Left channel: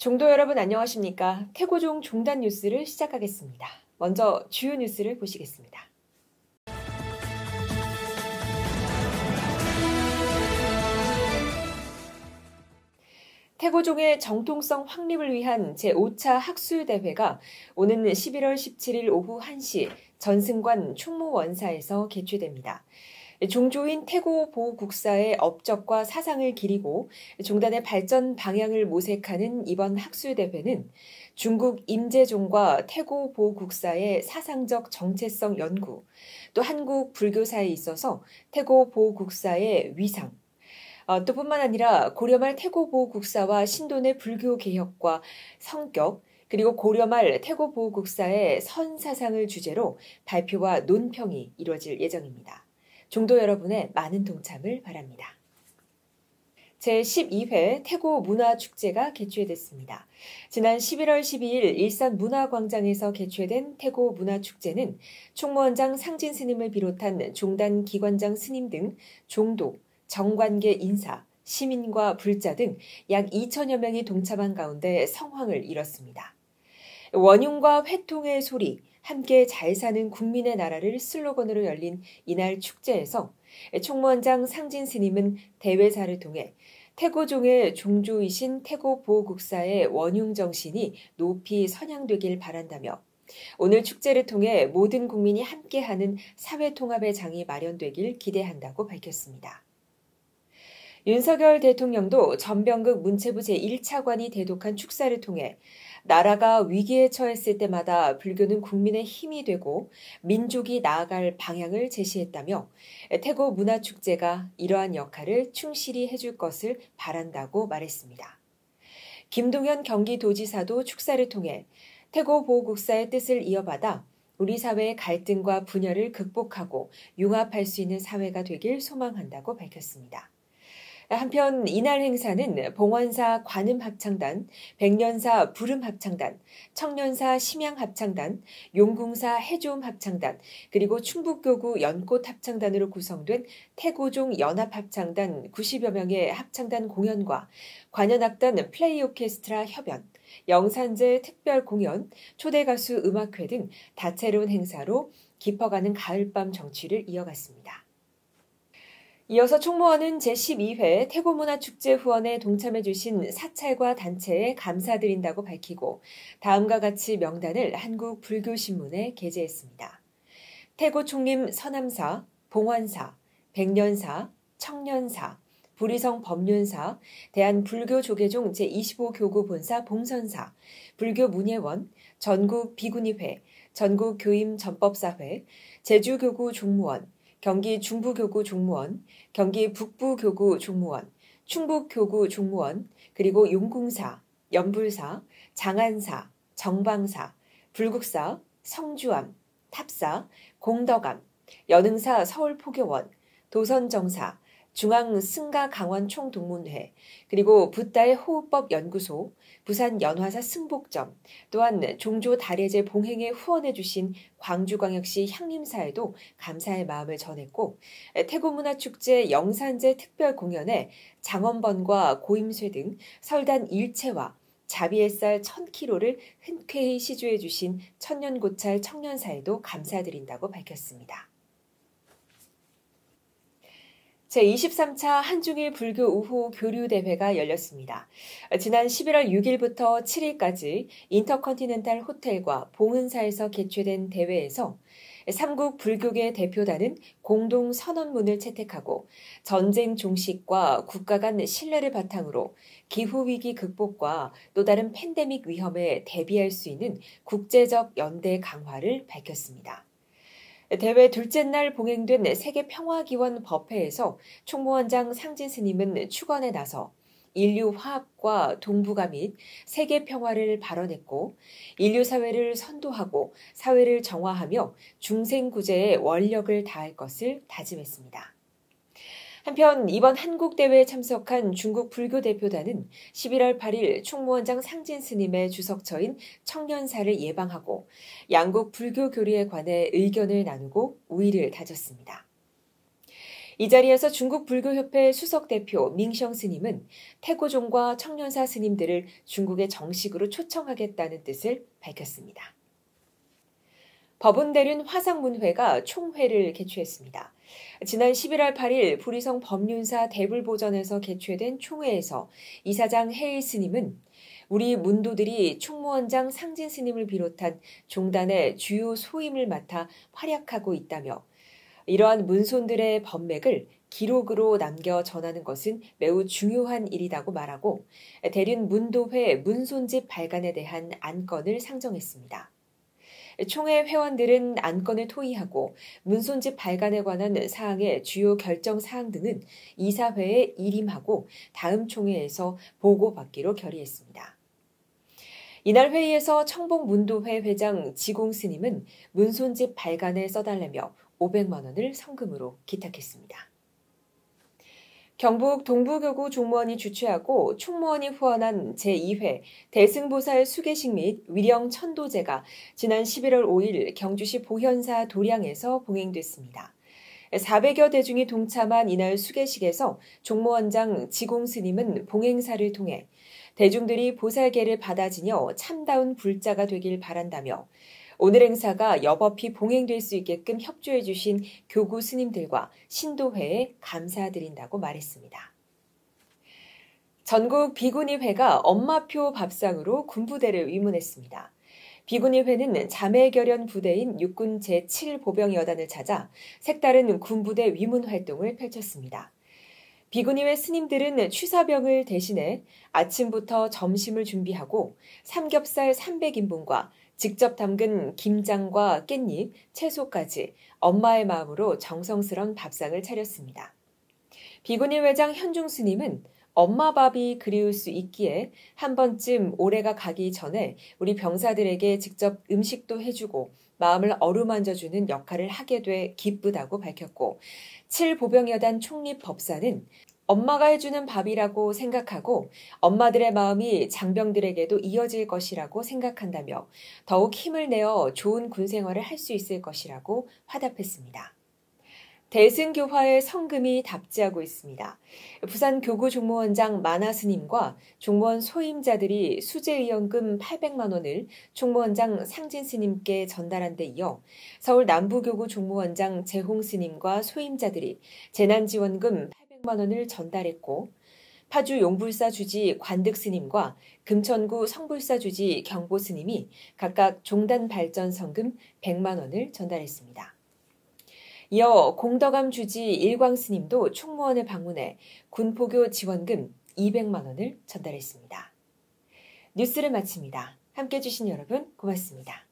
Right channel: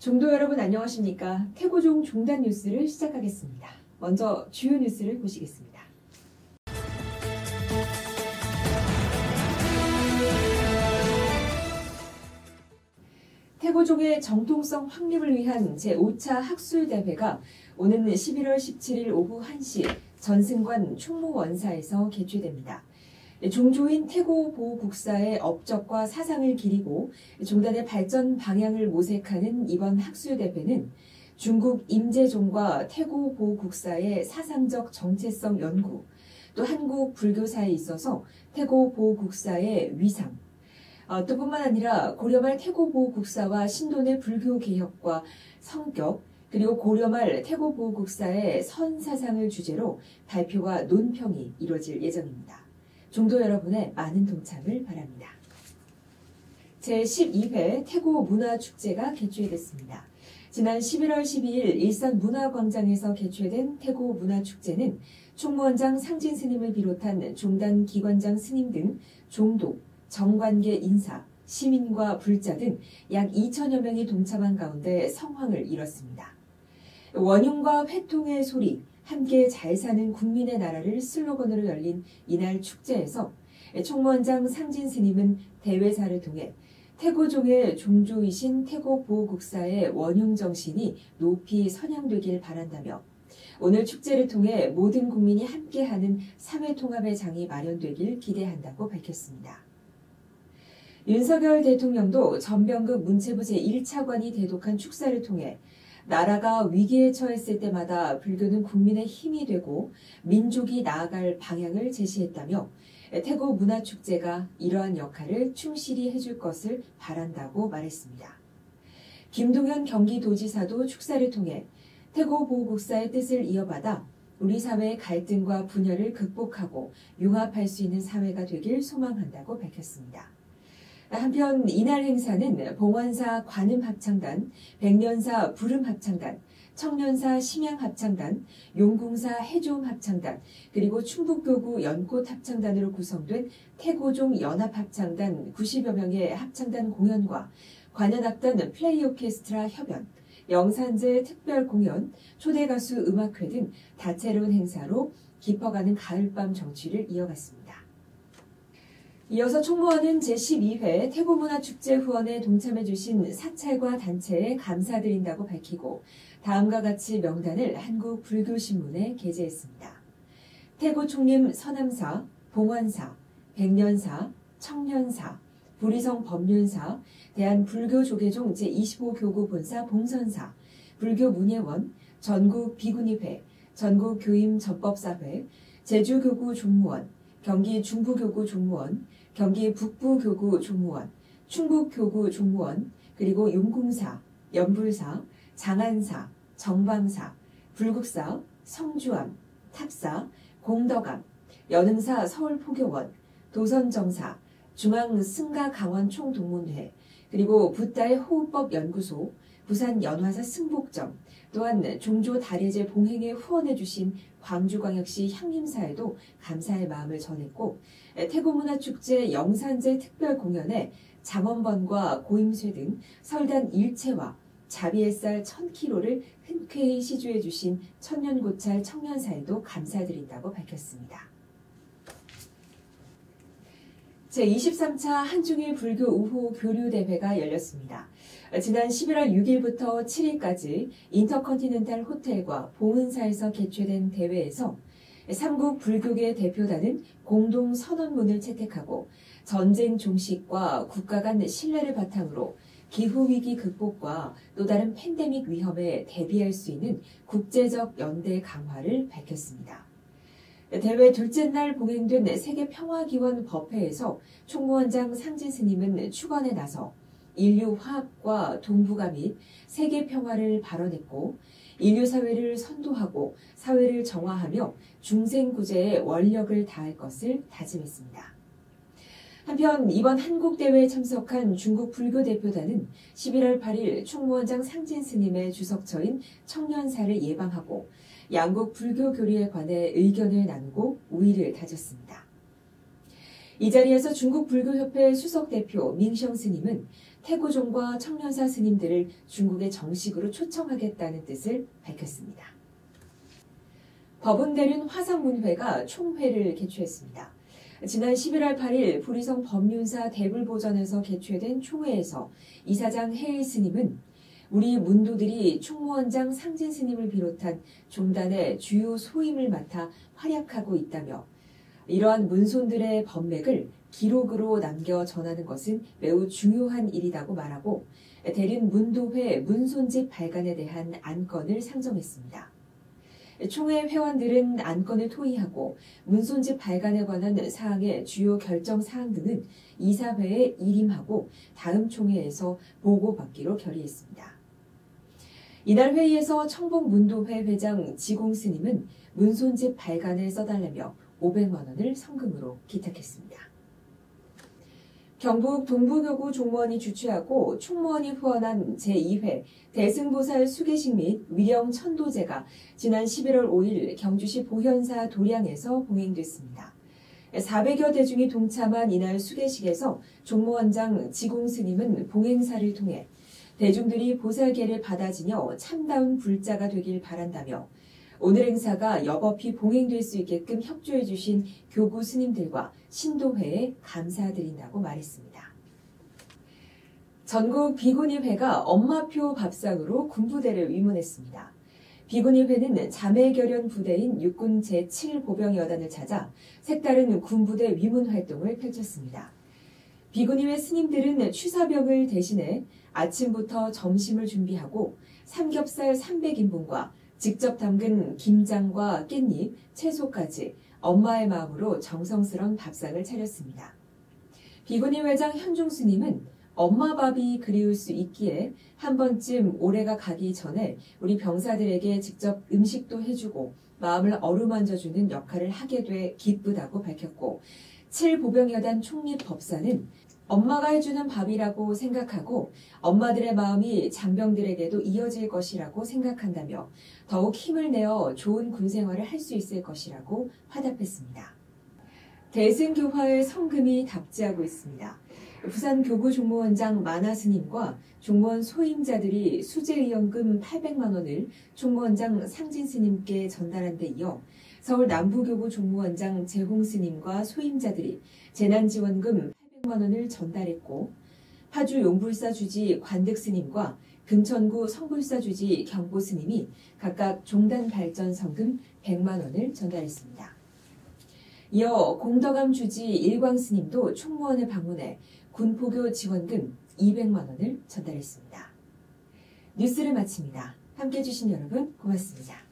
종도 여러분 안녕하십니까? 태고종 종단 뉴스를 시작하겠습니다. 먼저 주요 뉴스를 보시겠습니다. 태고종의 정통성 확립을 위한 제5차 학술대회가 오는 11월 17일 오후 1시 전승관 충무원사에서 개최됩니다. 종조인 태고보국사의 업적과 사상을 기리고 종단의 발전 방향을 모색하는 이번 학술대회는 중국 임재종과 태고보국사의 사상적 정체성 연구, 또 한국 불교사에 있어서 태고보국사의 위상, 또 뿐만 아니라 고려말 태고보국사와 신돈의 불교 개혁과 성격, 그리고 고려말 태고보국사의 선사상을 주제로 발표와 논평이 이루어질 예정입니다. 종도 여러분의 많은 동참을 바랍니다. 제12회 태고문화축제가 개최됐습니다. 지난 11월 12일 일산문화광장에서 개최된 태고문화축제는 총무원장 상진 스님을 비롯한 종단 기관장 스님 등 종도, 정관계 인사, 시민과 불자 등 약 2천여 명이 동참한 가운데 성황을 이뤘습니다. 원흉과 회통의 소리, 함께 잘 사는 국민의 나라를 슬로건으로 열린 이날 축제에서 총무원장 상진 스님은 대회사를 통해 태고종의 종조이신 태고보국사의 원흉 정신이 높이 선양되길 바란다며 오늘 축제를 통해 모든 국민이 함께하는 사회통합의 장이 마련되길 기대한다고 밝혔습니다. 윤석열 대통령도 전병극 문체부 제1차관이 대독한 축사를 통해 나라가 위기에 처했을 때마다 불교는 국민의 힘이 되고 민족이 나아갈 방향을 제시했다며 태고 문화축제가 이러한 역할을 충실히 해줄 것을 바란다고 말했습니다. 김동연 경기도지사도 축사를 통해 태고보국사의 뜻을 이어받아 우리 사회의 갈등과 분열을 극복하고 융합할 수 있는 사회가 되길 소망한다고 밝혔습니다. 한편 이날 행사는 봉원사 관음합창단, 백년사 부름합창단, 청년사 심양합창단, 용궁사 해종합창단, 그리고 충북교구 연꽃합창단으로 구성된 태고종 연합합창단 90여 명의 합창단 공연과 관현악단 플레이오케스트라 협연, 영산제 특별공연, 초대가수 음악회 등 다채로운 행사로 깊어가는 가을밤 정취를 이어갔습니다. 이어서 총무원은 제12회 태고문화축제 후원에 동참해주신 사찰과 단체에 감사드린다고 밝히고 다음과 같이 명단을 한국불교신문에 게재했습니다. 태고총림 서남사, 봉원사, 백년사, 청년사, 부리성 법륜사, 대한불교조계종 제25교구 본사 봉선사, 불교문예원, 전국비구니회, 전국교임전법사회, 제주교구 종무원, 경기 중부교구 종무원, 경기 북부교구 종무원, 충북교구 종무원, 그리고 용궁사, 연불사, 장안사, 정방사, 불국사, 성주암, 탑사, 공덕암, 연흥사 서울포교원, 도선정사, 중앙승가강원총동문회, 그리고 붓다의 호흡법연구소, 부산 연화사 승복점, 또한 종조 다례제 봉행에 후원해주신 광주광역시 향림사에도 감사의 마음을 전했고 태고문화축제 영산제 특별공연에 장원번과 고임쇠 등 설단 일체와 자비햇살 1000kg를 흔쾌히 시주해주신 천년고찰 청년사에도 감사드린다고 밝혔습니다. 제23차 한중일 불교 우호 교류대회가 열렸습니다. 지난 11월 6일부터 7일까지 인터컨티넨탈 호텔과 봉은사에서 개최된 대회에서 삼국 불교계 대표단은 공동 선언문을 채택하고 전쟁 종식과 국가 간 신뢰를 바탕으로 기후위기 극복과 또 다른 팬데믹 위험에 대비할 수 있는 국제적 연대 강화를 밝혔습니다. 대회 둘째 날 봉행된 세계평화기원 법회에서 총무원장 상진 스님은 축원에 나서 인류 화합과 동북아 및 세계 평화를 발언했고 인류 사회를 선도하고 사회를 정화하며 중생구제에 원력을 다할 것을 다짐했습니다. 한편 이번 한국대회에 참석한 중국 불교 대표단은 11월 8일 총무원장 상진 스님의 주석처인 청년사를 예방하고 양국 불교 교류에 관해 의견을 나누고 우의를 다졌습니다. 이 자리에서 중국불교협회 수석대표 밍성 스님은 태고종과 청련사 스님들을 중국에 정식으로 초청하겠다는 뜻을 밝혔습니다. 법운대륜 화상문회가 총회를 개최했습니다. 지난 11월 8일 부리성 법륜사 대불보전에서 개최된 총회에서 이사장 해일 스님은 우리 문도들이 총무원장 상진 스님을 비롯한 종단의 주요 소임을 맡아 활약하고 있다며 이러한 문손들의 법맥을 기록으로 남겨 전하는 것은 매우 중요한 일이라고 말하고 대륜 문도회 문손집 발간에 대한 안건을 상정했습니다. 총회 회원들은 안건을 토의하고 문손집 발간에 관한 사항의 주요 결정 사항 등은 이사회에 일임하고 다음 총회에서 보고받기로 결의했습니다. 이날 회의에서 청봉문도회 회장 지공 스님은 문손집 발간에 써달라며 500만 원을 성금으로 기탁했습니다. 경북 동부교구 종무원이 주최하고 총무원이 후원한 제2회 대승보살 수계식 및 위령 천도제가 지난 11월 5일 경주시 보현사 도량에서 봉행됐습니다. 400여 대중이 동참한 이날 수계식에서 종무원장 지공 스님은 봉행사를 통해 대중들이 보살계를 받아지녀 참다운 불자가 되길 바란다며 오늘 행사가 여법히 봉행될 수 있게끔 협조해 주신 교구 스님들과 신도회에 감사드린다고 말했습니다. 전국 비구니회가 엄마표 밥상으로 군부대를 위문했습니다. 비구니회는 자매결연 부대인 육군 제7보병여단을 찾아 색다른 군부대 위문 활동을 펼쳤습니다. 비구니회 스님들은 취사병을 대신해 아침부터 점심을 준비하고 삼겹살 300인분과 직접 담근 김장과 깻잎, 채소까지 엄마의 마음으로 정성스런 밥상을 차렸습니다. 비구니 회장 현중 스님은 엄마 밥이 그리울 수 있기에 한 번쯤 올해가 가기 전에 우리 병사들에게 직접 음식도 해주고 마음을 어루만져주는 역할을 하게 돼 기쁘다고 밝혔고 7보병여단 총립법사는 엄마가 해주는 밥이라고 생각하고 엄마들의 마음이 장병들에게도 이어질 것이라고 생각한다며 더욱 힘을 내어 좋은 군생활을 할 수 있을 것이라고 화답했습니다. 대승교화의 성금이 답지하고 있습니다. 부산 교구종무원장 만화스님과 종무원 소임자들이 수재의원금 800만 원을 총무원장 상진스님께 전달한 데 이어 서울 남부교구종무원장 재홍스님과 소임자들이 재난지원금 800만 원을 전달했고 파주 용불사 주지 관득스님과 금천구 성불사 주지 경보스님이 각각 종단 발전 성금 100만 원을 전달했습니다. 이어 공덕암 주지 일광스님도 총무원을 방문해 군포교 지원금 200만 원을 전달했습니다. 뉴스를 마칩니다. 함께해 주신 여러분 고맙습니다.